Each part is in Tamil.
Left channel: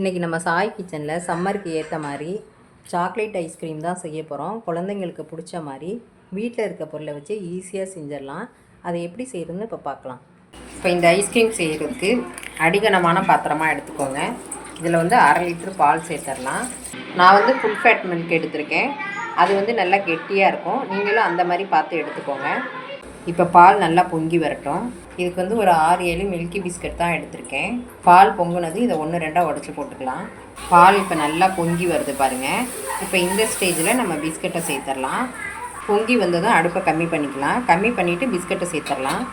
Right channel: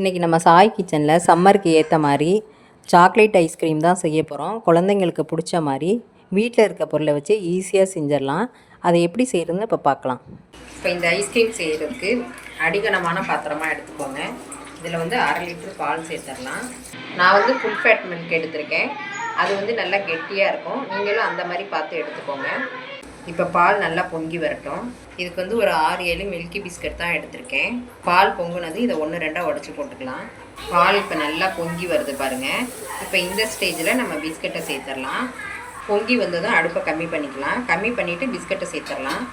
இன்றைக்கி நம்ம சாய் கிச்சனில் சம்மருக்கு ஏற்ற மாதிரி சாக்லேட் ஐஸ்கிரீம் தான் செய்ய போகிறோம் குழந்தைங்களுக்கு பிடிச்ச மாதிரி வீட்டில் இருக்க பொருளை வச்சு ஈஸியாக செஞ்சிடலாம். அதை எப்படி செய்கிறதுன்னு இப்போ பார்க்கலாம் இப்போ இந்த ஐஸ்கிரீம் செய்கிறதுக்கு அடிகனமான பாத்திரமாக எடுத்துக்கோங்க. இதில் வந்து அரை லிட்ரு பால் சேர்த்துடலாம். நான் வந்து ஃபுல் ஃபேட் மில்க் எடுத்திருக்கேன். அது வந்து நல்லா கெட்டியாக இருக்கும். நீங்களும் அந்த மாதிரி பார்த்து எடுத்துக்கோங்க. இப்போ பால் நல்லா பொங்கி வரட்டும். இதுக்கு வந்து ஒரு ஆறு ஏழு மில்கி பிஸ்கட் தான் எடுத்திருக்கேன். பால் பொங்குனது இதை ஒன்று ரெண்டாக உடச்சி போட்டுக்கலாம். பால் இப்போ நல்லா பொங்கி வருது பாருங்கள் இப்போ இந்த ஸ்டேஜில் நம்ம பிஸ்கட்டை சேர்த்துடலாம் பொங்கி வந்ததும் அடுப்பை கம்மி பண்ணிக்கலாம். கம்மி பண்ணிவிட்டு பிஸ்கட்டை சேர்த்துடலாம்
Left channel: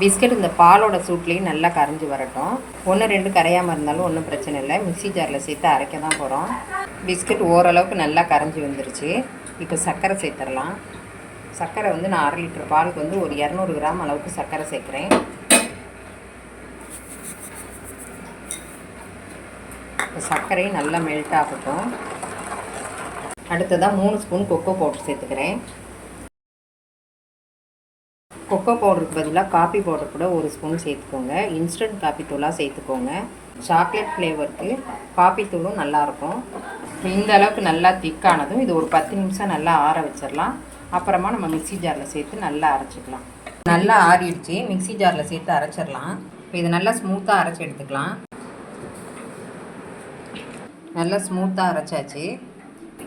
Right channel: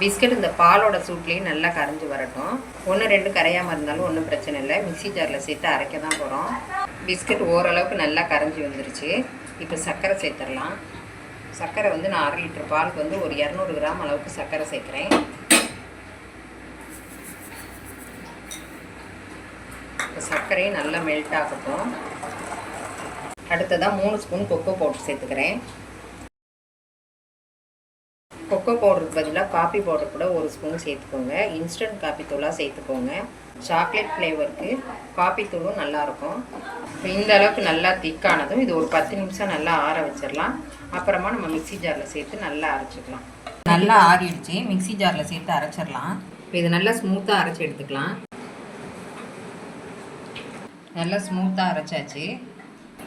பிஸ்கட் இந்த பாலோட சூட்லேயும் நல்லா கரைஞ்சி வரட்டும். ஒன்று ரெண்டு கரையாமல் இருந்தாலும் ஒன்றும் பிரச்சனை இல்லை. மிக்சி ஜாரில் சேர்த்து அரைக்க தான் போகிறோம் பிஸ்கட் ஓரளவுக்கு நல்லா கரைஞ்சி வந்துருச்சு. இப்போ சர்க்கரை சேர்த்துடலாம். சர்க்கரை வந்து நான் அரை லிட்டர் பாலுக்கு வந்து ஒரு இரநூறு கிராம் அளவுக்கு சர்க்கரை சேர்க்குறேன். இப்போ சர்க்கரையும் நல்லா மெல்ட் ஆகட்டும். அடுத்ததாக மூணு ஸ்பூன் கொக்கோ பவுடர் சேர்த்துக்கிறேன். கொக்கோ பவுடருக்கு பதிலாக காஃபி பவுடர் கூட ஒரு ஸ்பூன் சேர்த்துக்கோங்க. இன்ஸ்டன்ட் காஃபி தூளாக சேர்த்துக்கோங்க. சாக்லேட் ஃப்ளேவருக்கு காஃபி தூளும் நல்லாயிருக்கும் இந்த அளவுக்கு நல்லா திக்கானதும் இது ஒரு பத்து நிமிஷம் நல்லா ஆற வச்சிடலாம் அப்புறமா நம்ம மிக்ஸி ஜாரில் சேர்த்து நல்லா அரைச்சிக்கலாம். நல்லா ஆறிடுச்சு. மிக்ஸி ஜாரில் சேர்த்து அரைச்சிடலாம் இது நல்லா ஸ்மூத்தாக அரைச்சி எடுத்துக்கலாம். நல்லா ஸ்மூத்தாக அரைச்சாச்சு.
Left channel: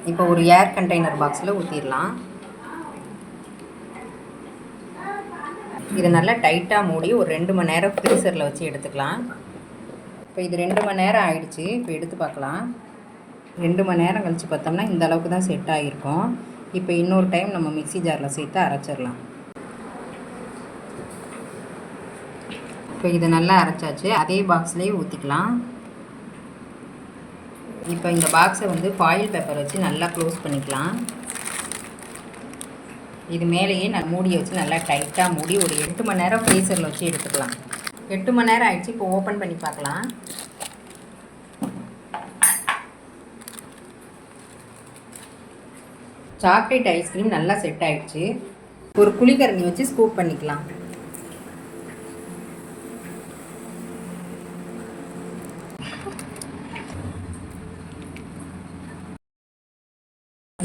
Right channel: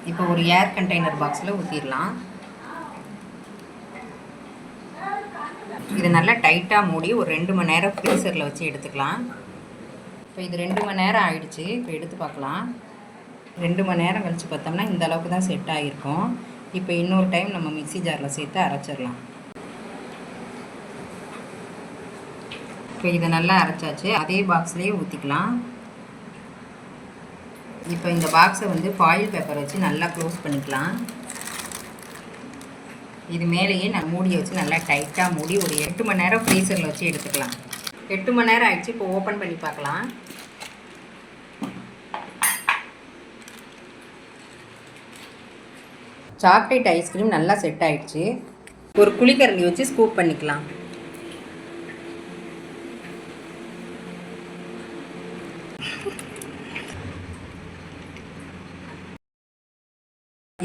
இப்போ ஒரு ஏர் கண்டெய்னர் பாக்ஸில் ஊற்றிடலாம் இதை நல்லா டைட்டாக மூடி ஒரு ரெண்டு மணி நேரம் ஃப்ரீசரில் வச்சு எடுத்துக்கலாம். இப்போ இது ரெண்டு மணி நேரம் ஆயிடுச்சு. இப்போ எடுத்து பார்க்கலாம். ரெண்டு மணி நேரம் கழித்து பார்த்தோம்னா இந்த அளவுக்கு தான் செட் ஆகிருக்கும். இப்போ இன்னொரு டைம் நம்ம மிக்சி ஜாரில் சேர்த்து அரைச்சிடலாம். இப்போ இதை நல்லா அரைச்சாச்சு. அதே பாக்ஸ்லேயே ஊற்றிக்கலாம் இப்போ இந்த பாக்ஸை வந்து ஃபாயில் பேப்பர் வச்சு நல்லா க்ளோஸ் பண்ணிக்கலாம். இது மேலேயே நான் மூடியை வச்சு நல்லா டைட்டாக மூடி ஒரு எட்டு மணி நேரம் ஃப்ரீசரில் வச்சு எடுத்துக்கலாம். எட்டு மணி நேரம் ஆயிடுச்சு இப்போ ஓப்பன் பண்ணி பார்க்கலாம். சாக்லேட் ஐஸ்கிரீம் நல்லா செட் ஆயிடுச்சு. ஒரு குழிக்கரண்டி வச்சு ஸ்கூப் பண்ணிக்கலாம்.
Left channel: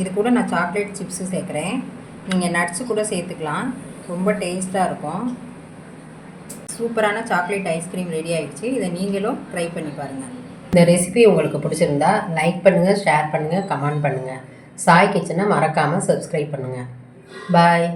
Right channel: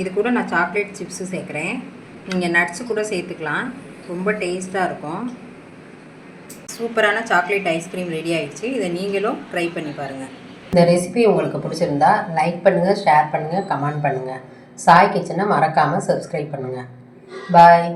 இது கூட நான் சாக்லேட் சிப்ஸு சேர்க்குறேன். நீங்கள் நட்ஸு கூட சேர்த்துக்கலாம். ரொம்ப டேஸ்ட்டாக இருக்கும். சூப்பரான சாக்லேட் ஐஸ்கிரீம் ரெடி ஆகிடுச்சு இதை நீங்களும் ட்ரை பண்ணி பாருங்கள் இந்த ரெசிபி உங்களுக்கு பிடிச்சிருந்தா லைக் பண்ணுங்கள் ஷேர் பண்ணுங்கள் கமெண்ட் பண்ணுங்கள் சாய் கிச்சனை மறக்காமல் சப்ஸ்கிரைப் பண்ணுங்கள் பாய்